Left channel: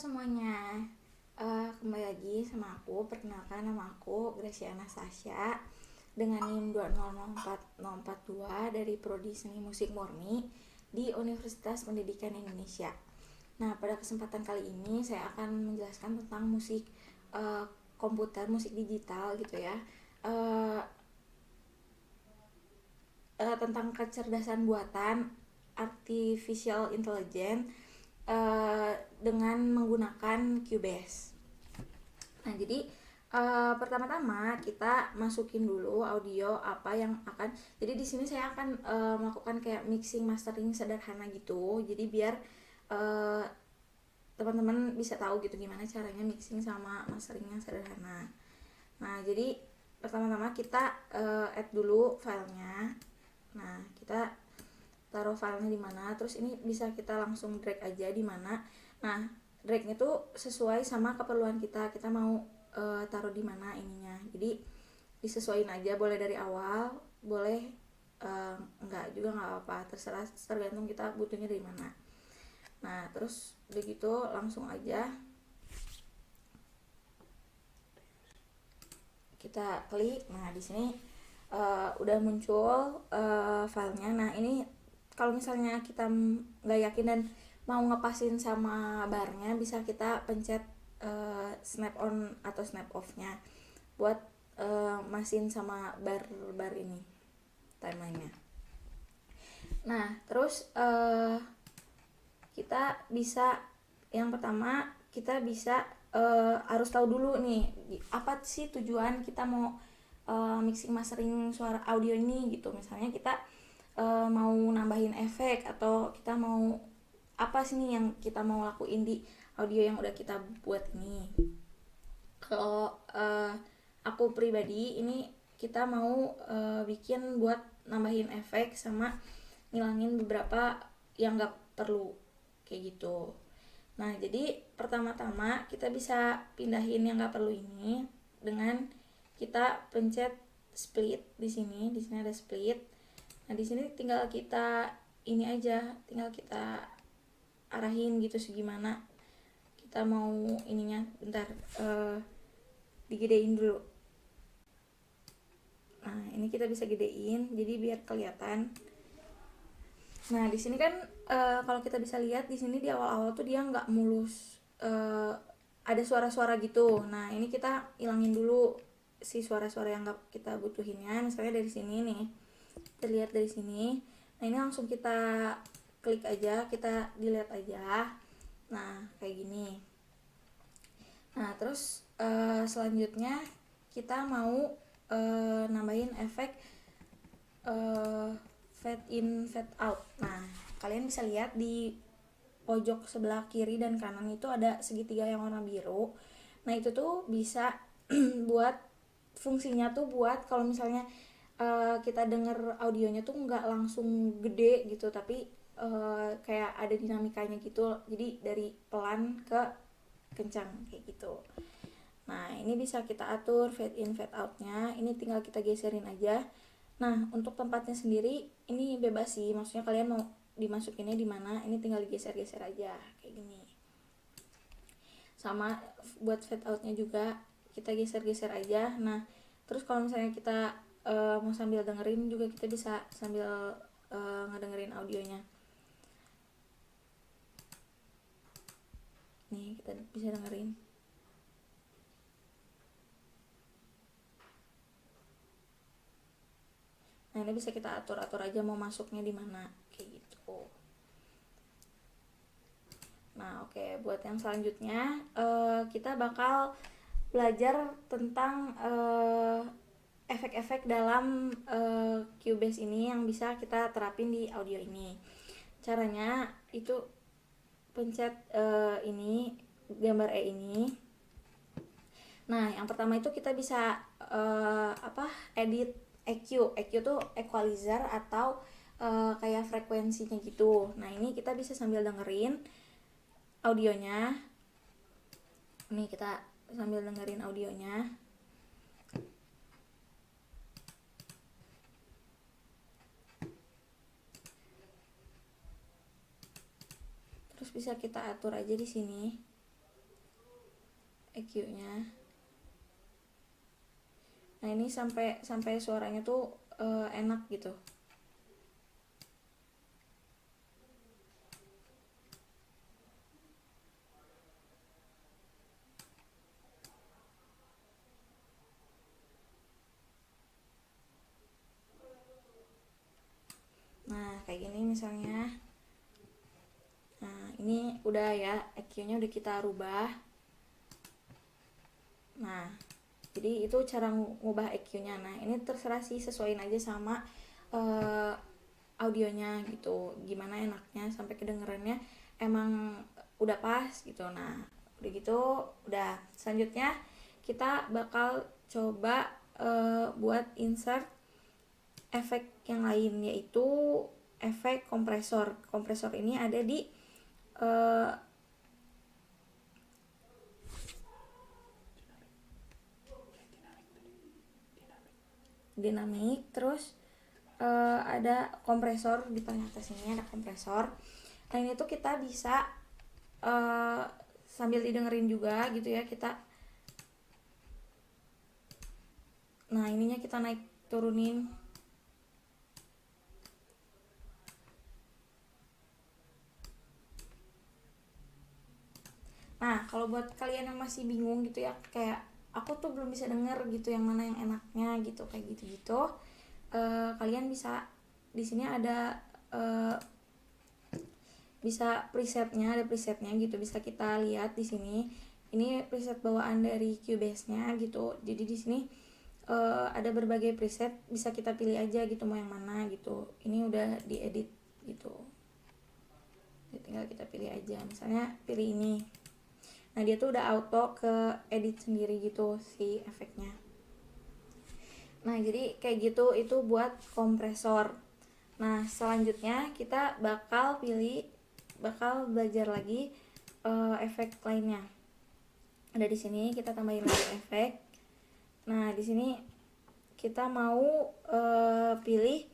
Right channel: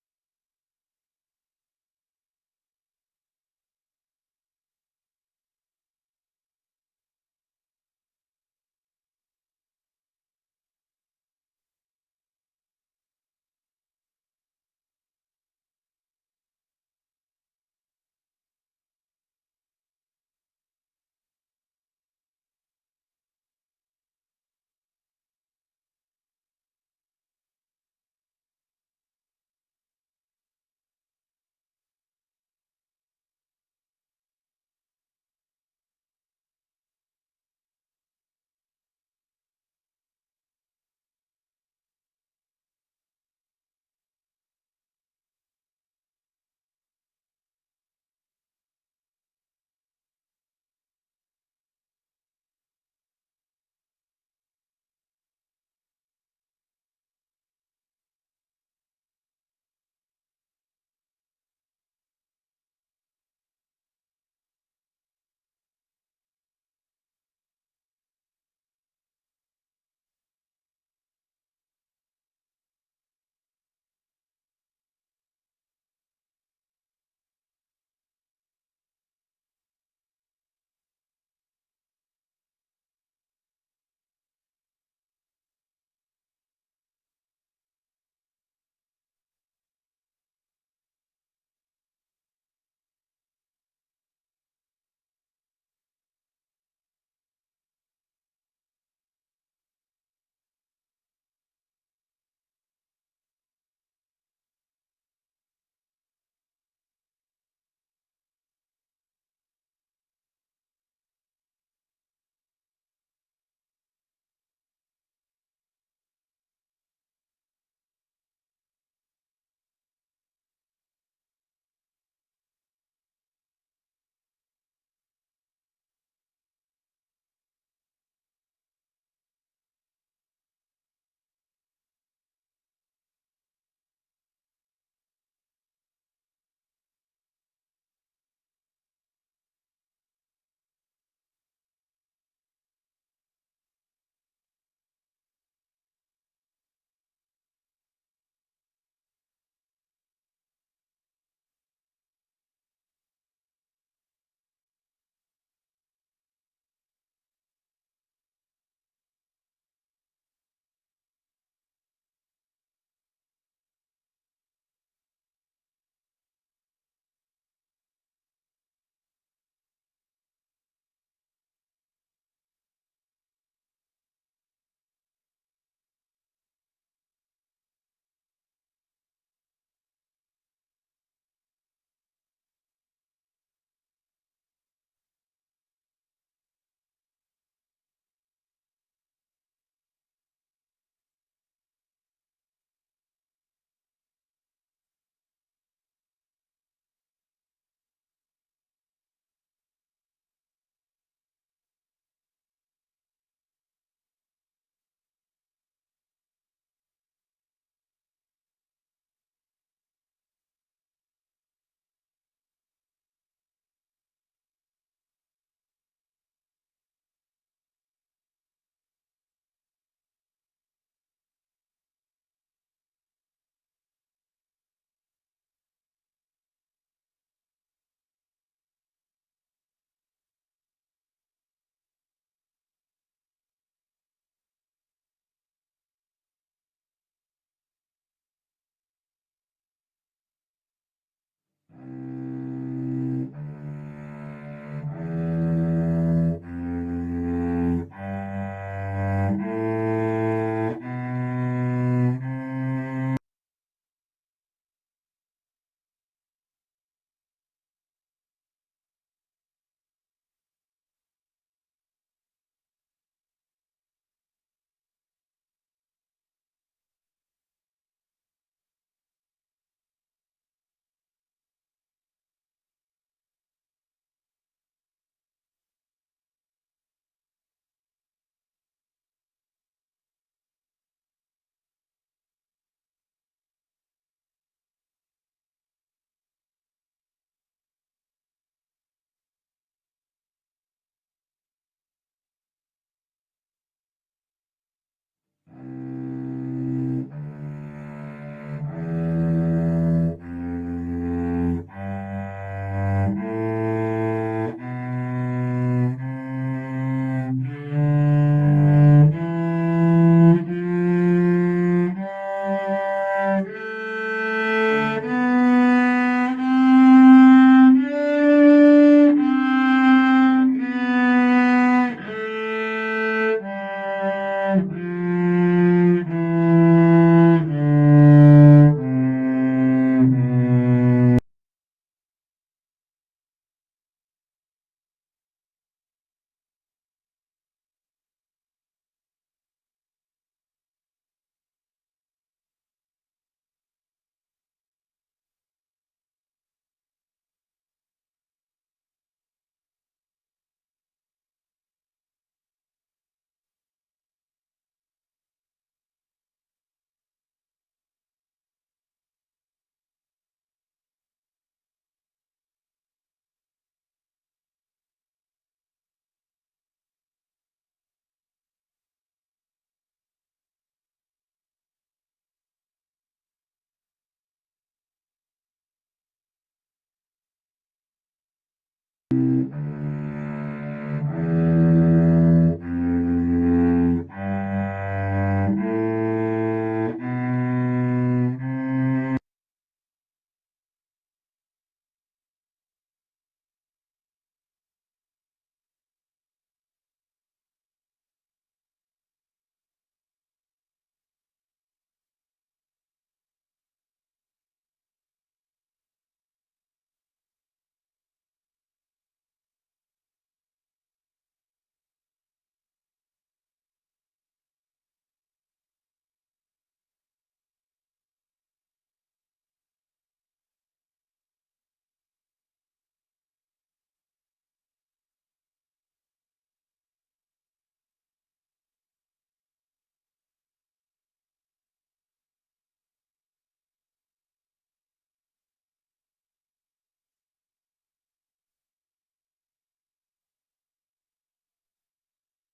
semuanya, kembali lagi sama aku. Perkenalkan, nama aku Gracia Anastasia dengan NIM 2004042 dari Prodi Seni Musik Murni di Universitas Pendidikan Indonesia. Nah, pada kesempatan kali ini saya akan menjelaskan tentang musik komputer, musik digital gitu ya, tentang kecerdasan buatan artificial intelligence dengan menggunakan Cubase. Nah, jadi pertama-tama kita masukin dulu audio apa yang akan. Jadi di sini saya akan melakukan kayak mixing mastering sederhana gitu. Jadi biar teman-teman bisa tahu gitu gimana caranya mixing sama mastering yang sederhana. Nah, jadi pertama-tama kita add dulu filenya. Nah, kita taruh filenya di mana, terus ini bisa kita langsung drag aja di mana. Nah, dragnya tuh sesuai sama keperluan kita mau taruh di mana ininya. Jadi disesuaiin aja, boleh dari awal, boleh enggak juga nggak apa-apa, terserah, tergantung kita butuhnya dari mana. Nah, terus begitu langsung aja kita klik. Nah, di sini udah muncul filenya. Nah, ini kalau misalnya kita nggak yakin dan mau ngepasin sama barnya, bisa kita pencet snap on atau snap off nya buat masin sama bar ini timelinenya. Nah, terus kita bisa, yang pertama kita bisa harus tahu dulu nih apa sih tujuan kita mau mixing mastering suara audio ini gitu. Misalnya kita mau nambahin efek atau kita mau apa sih nih yang kita mau lakuin di audio yang udah kita buat ini. Kalau aku pribadi ini kita mau bikin buat nambahin efek sama ngilangin beberapa yang gak perlu kayak gitu. Nah, jadi pertama-tama kita bisa pindahin yang gak perlu ini dengan kita pencet split di sini ada split. Nah, di sini tinggal kita ini aja, tinggal kita arahin gitu segimana kita mau ininya. Bentar, digedein dulu. Nah, ini kita bisa gedein jadi biar kelihatan. Nah, di sini kan kalau kita bisa lihat di sini di awal-awal tuh dia nggak mulus, ada suara-suara gitu. Nah, ini kita ilangin dulu si suara-suara yang nggak kita butuhinnya. Misalnya dari sini nih, terlihat dari sini. Nah, ini langsung kita klik aja, kita dilihat aja. Nah, kayak gini. Nah, terus selanjutnya kita mau nambahin efek fade in fade out. Nah, kalian bisa lihat di pojok sebelah kiri dan kanan itu ada segitiga yang warna biru. Nah, itu tuh bisa buat fungsinya tuh buat kalau misalnya kita denger audionya tuh nggak langsung gede gitu, tapi kayak ada dinamikanya gitu. Jadi dari pelan ke kencang kayak gitu. Nah, ini bisa kita atur fade in fade outnya. Ini tinggal kita geserin aja. Nah, untuk tempatnya sendiri ini bebas sih, maksudnya kalian mau dimasukinnya di mana, ini tinggal digeser-geser aja kayak gini. Sama buat fade outnya juga kita geser-geser aja. Nah, terus kalau misalnya kita mau sambil dengerin juga, kita bisa sambil ngedengerin audionya. Nih, kita bisa dengerin. Nah, ini bisa kita atur-atur aja mau masuknya di mana. Nah, oke, buat yang selanjutnya kita bakal belajar tentang efek-efek dalam Cubase ini yang bisa kita terapin di audio ini. Caranya itu pencet ini gambar E ini. Nah, yang pertama itu kita bisa edit EQ. EQ tuh equalizer atau kayak frekuensinya gitu. Nah, ini kita bisa sambil dengerin audionya. Nih, kita sambil dengerin audionya. Terus bisa kita atur aja di sini. ngerubah EQ-nya. Nah ini terserah sih, sesuaiin aja sama audionya gitu, gimana enaknya sampai kedengerannya emang udah pas gitu. Nah udah gitu, udah selanjutnya kita bakal coba buat insert efek yang lain, yaitu efek kompresor. Kompresor ini ada di dinamik, terus ada kompresor di paling atas ini ada kompresor. Nah ini tuh kita bisa sambil didengerin juga gitu ya, kita nah ininya kita naik turunin. Nah kalau buat kalian yang masih bingung gitu ya, kayak aku tuh belum bisa denger gitu yang mana yang enaknya gitu, kayak gitu-gitu, kalian bisa di sini ada bisa presetnya, ada presetnya gitu, bisa kita lihat di sini. Ini preset bawaan dari Cubase-nya gitu. Jadi di sini ada berbagai preset, bisa kita pilih aja gitu mau yang mana gitu. Ini udah diedit gitu. Jadi tinggal kita pilih aja. Misalnya pilih ini. Nah dia tuh udah auto ke edit sendiri gitu si efeknya. Nah jadi kayak gitu, itu buat kompresor. Nah selanjutnya kita bakal belajar lagi efek lainnya. Ada di sini kita tambahin lagi efek. Nah di sini kita mau pilih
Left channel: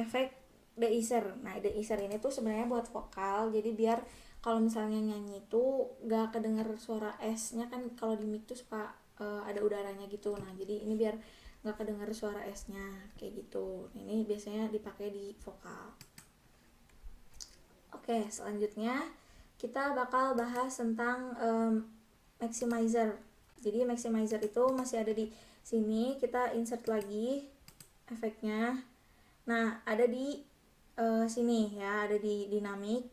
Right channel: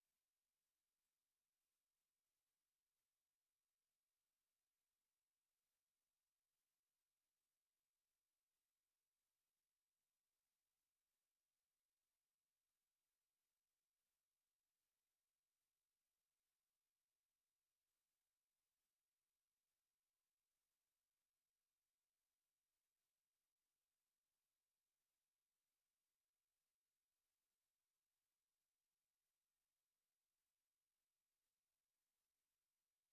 efek deiser. Nah deiser ini tuh sebenarnya buat vokal, jadi biar kalau misalnya nyanyi itu gak kedenger suara S-nya kan, kalau di mic tuh suka ada udaranya gitu. Nah jadi ini biar gak kedenger suara S-nya kayak gitu. Ini biasanya dipakai di vokal. Oke, selanjutnya kita bakal bahas tentang maximizer. Jadi maximizer itu masih ada di sini, kita insert lagi efeknya. Nah ada di sini ya, ada di dynamic.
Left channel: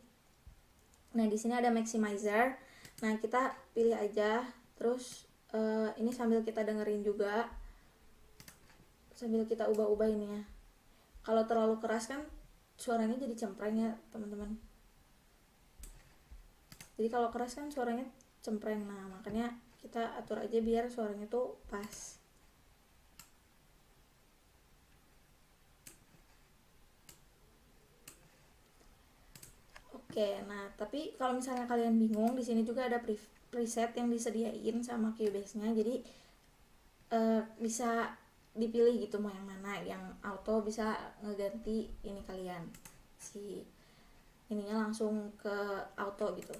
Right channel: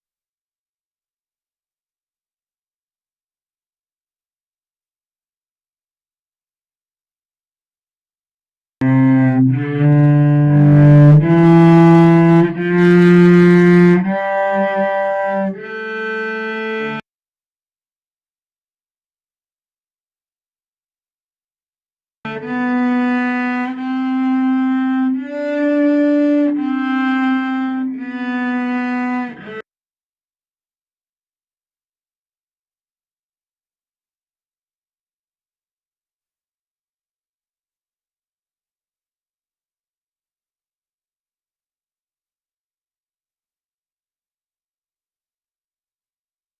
Nah di sini ada maximizer. Nah kita pilih aja, terus ini sambil kita dengerin juga, sambil kita jadi kalau keras kan suaranya cempreng. Nah makanya kita atur aja biar suaranya tuh pas. Oke, nah tapi kalau misalnya kalian bingung, di sini juga ada preset yang disediain sama Cubase-nya. Jadi bisa dipilih gitu mau yang mana, yang auto bisa ngeganti ini kalian si ininya langsung ke auto gitu.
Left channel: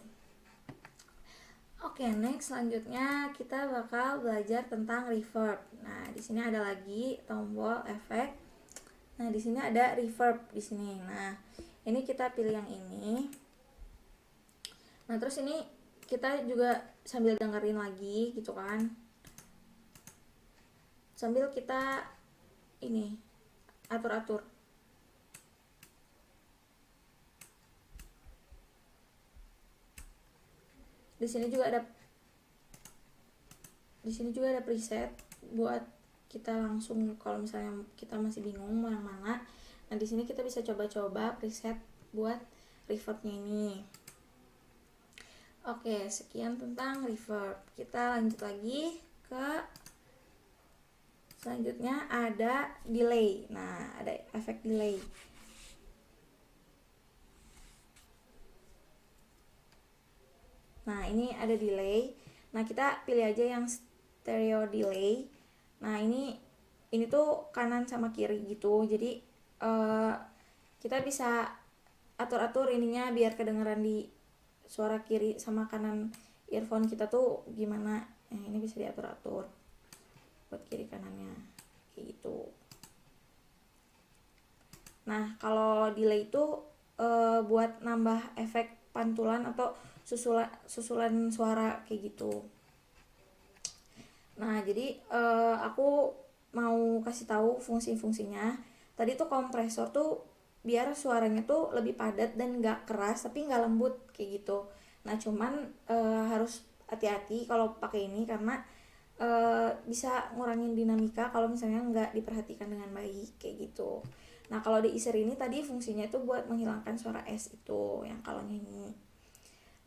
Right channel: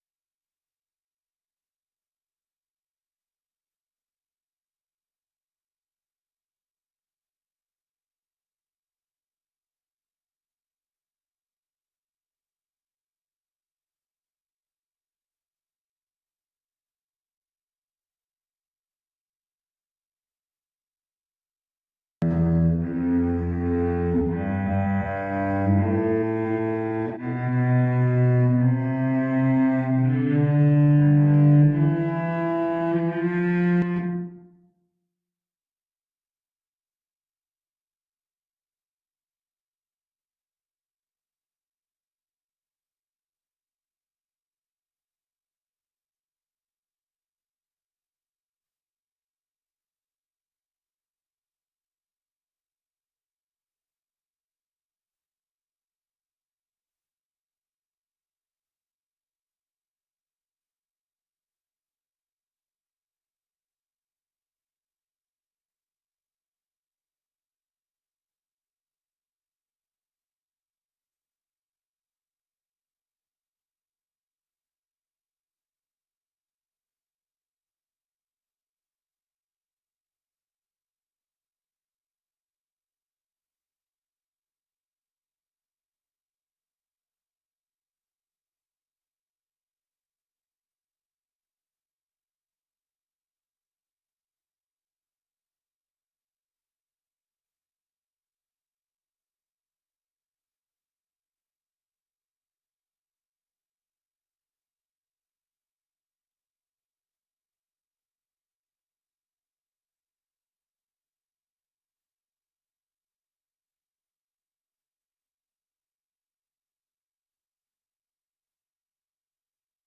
Oke, next selanjutnya kita bakal belajar tentang reverb. Nah, di sini ada lagi tombol efek. Nah, di sini ada reverb di sini. Nah, ini kita pilih yang ini. Nah, terus ini kita juga sambil dengerin lagi gitu kan. Sambil kita ini atur-atur. Di sini juga ada preset buat kita langsung kalau misalnya kita masih bingung mau yang mana. Nah, di sini kita bisa coba-coba preset buat reverbnya ini. Oke, sekian tentang reverb. Kita lanjut lagi ke selanjutnya, ada delay. Nah, ada efek delay. Nah, ini ada delay. Nah, kita pilih aja yang stereo delay. Nah, ini tuh kanan sama kiri gitu. Jadi kita bisa atur-atur ininya biar kedengeran di suara kiri sama kanan earphone kita tuh gimana. Nah, ini bisa diatur-atur buat kiri kanannya kayak gitu. Nah kalau delay itu buat nambah efek pantulan atau susulan suara kayak gitu. Nah jadi aku mau kasih tahu fungsi-fungsinya. Tadi tuh kompresor tuh biar suaranya tuh lebih padat dan gak keras tapi gak lembut kayak gitu. Nah cuman harus hati-hati kalau pakai ini karena bisa ngurangin dinamika kalau misalnya nggak diperhatikan dengan baik kayak gitu. Nah kalau di easer ini tadi fungsinya itu buat menghilangkan suara S itu yang kalau nyanyi.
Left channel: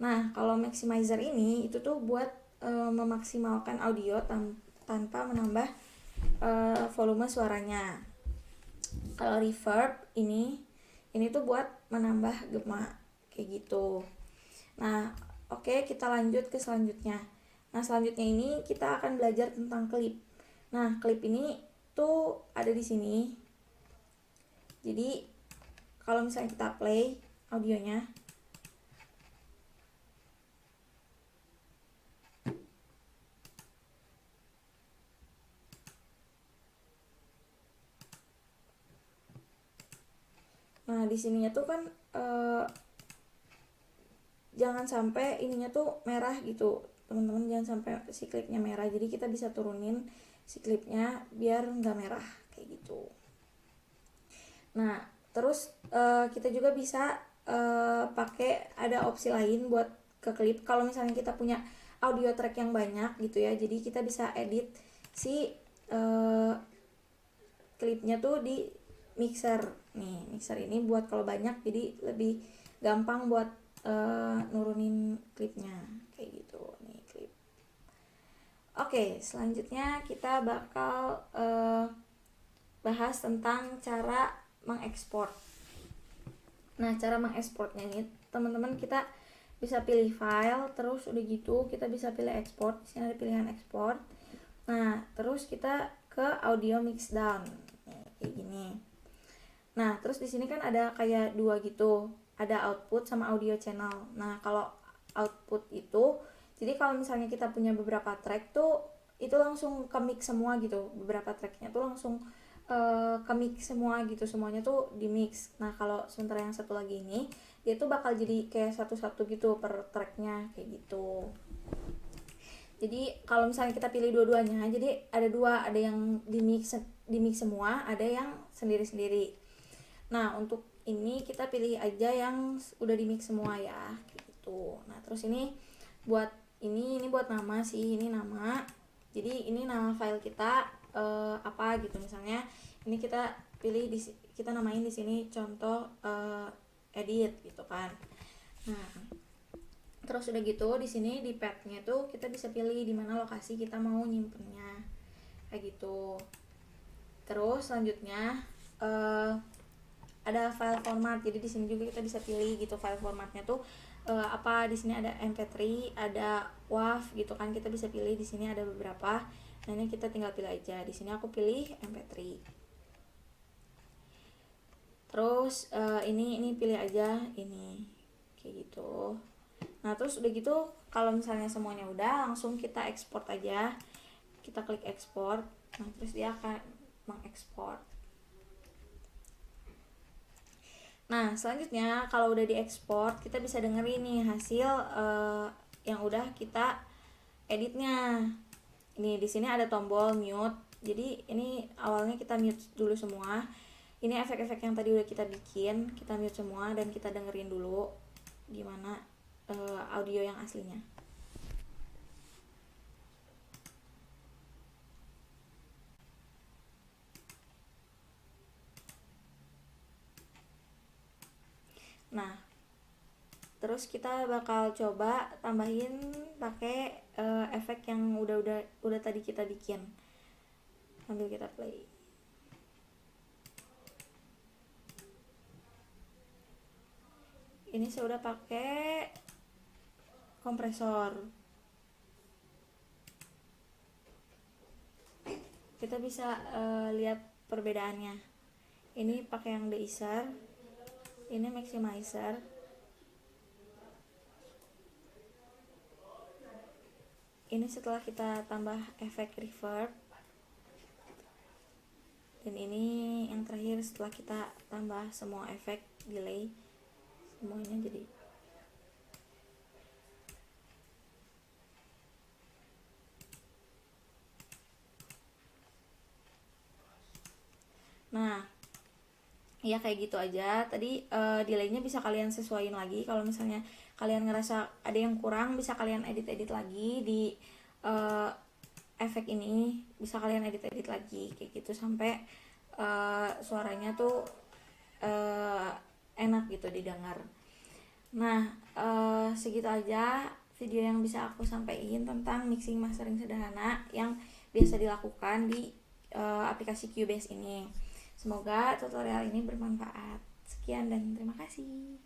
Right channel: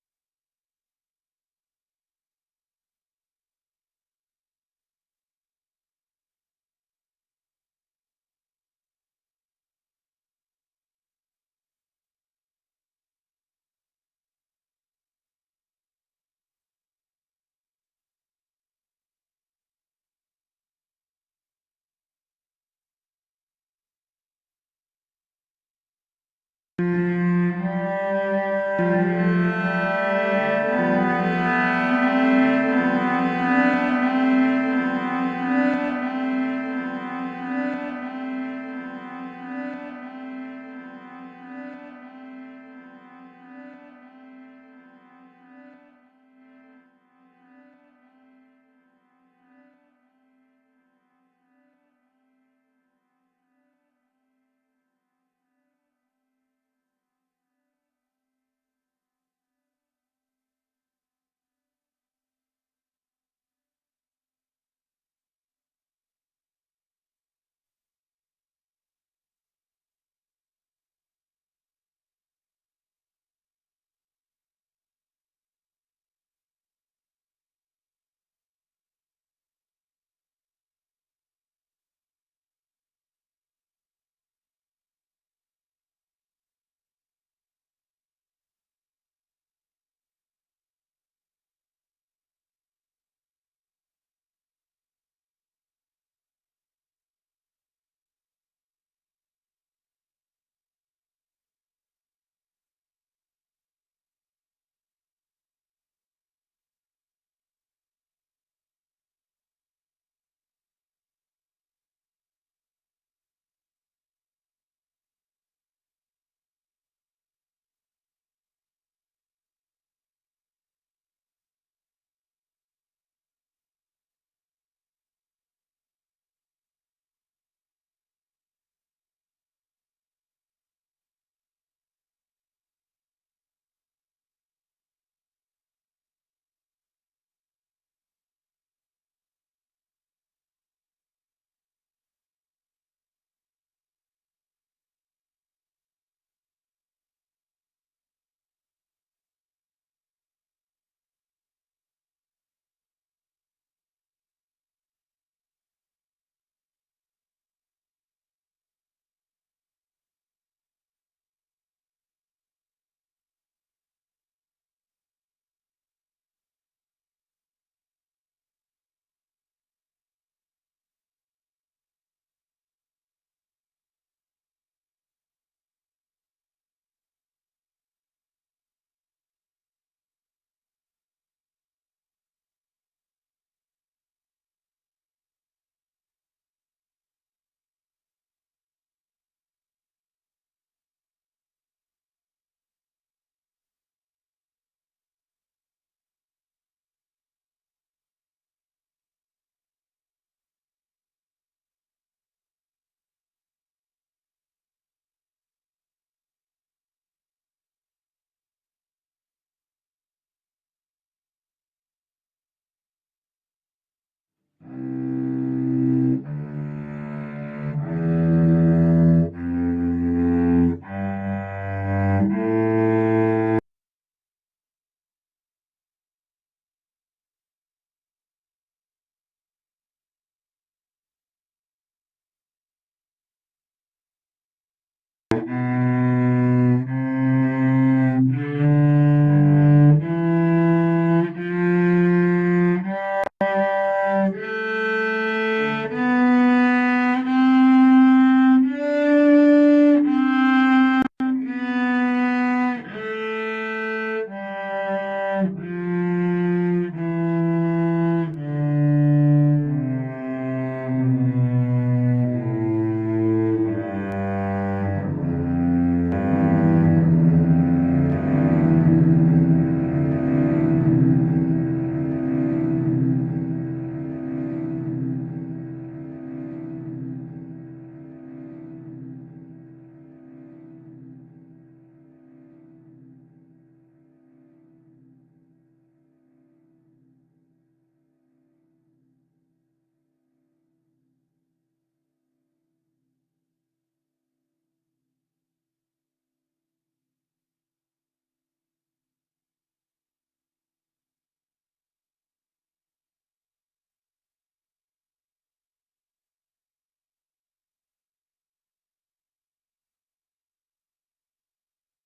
Nah kalau maximizer ini itu tuh buat memaksimalkan audio tanpa menambah volume suaranya. Kalau reverb ini tuh buat menambah gema kayak gitu. Nah oke, kita lanjut ke selanjutnya. Nah selanjutnya ini kita akan belajar tentang klip. Nah klip ini tuh ada di sini. Jadi kalau misalnya kita play audionya, nah di sininya tuh kan jangan sampai ininya tuh merah gitu teman-teman, jangan sampai si klipnya merah. Jadi kita bisa turunin si klipnya biar nggak merah kayak gitu. Nah terus kita juga bisa pakai ada opsi lain buat ke klip. Kalau misalnya kita punya audio track yang banyak gitu ya, jadi kita bisa edit si klipnya tuh di mixer. Nih mixer ini buat kalau banyak jadi lebih gampang buat nurunin klipnya kayak gitu nih klip. Oke, selanjutnya kita bakal bahas tentang cara mengekspor. Nah cara mengekspornya ini teman-teman, kita bisa pilih file, terus udah gitu kita bisa pilih export. Di sini ada pilihan export. Nah terus kita ke audio mixdown kayak gini. Nah terus di sini kan ada kayak dua gitu, ada output sama audio channel. Nah kalau output itu, jadi kalau misalnya kita punya beberapa track tuh itu langsung ke mix semua gitu, beberapa tracknya tuh langsung ke mix semua gitu, semuanya tuh di mix. Nah kalau sementara yang satu lagi ini dia tuh bakal jadi kayak satu-satu gitu per tracknya kayak gitu. Jadi kalau misalnya kita pilih dua-duanya, jadi ada dua, ada yang di mix semua, ada yang sendiri-sendiri. Nah untuk ini kita pilih aja yang udah di mix semua ya kayak gitu. Nah terus ini buat ini buat nama sih, ini nama. Jadi ini nama file kita apa gitu, misalnya ini kita pilih kita namain di sini contoh edit gitu kan. Nah terus udah gitu di sini di path-nya tuh kita bisa pilih di mana lokasi kita mau nyimpennya kayak gitu. Terus selanjutnya ada file format. Jadi di sini juga kita bisa pilih gitu file formatnya tuh apa. Di sini ada MP3, ada WAV gitu kan, kita bisa pilih. Di sini ada beberapa. Nah ini kita tinggal pilih aja. Di sini aku pilih MP3. Terus ini pilih aja ini kayak gitu. Nah terus udah gitu kalau misalnya semuanya udah, langsung kita ekspor aja. Kita klik ekspor. Nah terus dia akan mengekspor. Nah selanjutnya kalau udah diekspor, kita bisa dengerin nih hasil yang udah kita editnya. Ini di sini ada tombol mute. Jadi ini awalnya kita mute dulu semua. Ini efek-efek yang tadi udah kita bikin, kita mute semua dan kita dengerin dulu gimana audio yang aslinya. Terus kita bakal coba tambahin pakai efek yang udah tadi kita bikin sambil kita play. Ini saya pakai kompresor. Kita bisa lihat perbedaannya. Ini pakai delay set, ini maximizer. Ini setelah kita tambah efek reverb. Ini yang terakhir setelah kita tambah semua efek tadi. Nah ya kayak gitu aja. Tadi delaynya bisa kalian sesuaiin lagi. Kalau misalnya kalian ngerasa ada yang kurang, bisa kalian edit lagi di efek ini bisa kalian edit lagi kayak gitu sampai suaranya tuh enak gitu didengar. Nah, segitu aja video yang bisa aku sampaikan tentang mixing mastering sederhana yang biasa dilakukan di aplikasi Cubase ini. Semoga tutorial ini bermanfaat. Sekian dan terima kasih.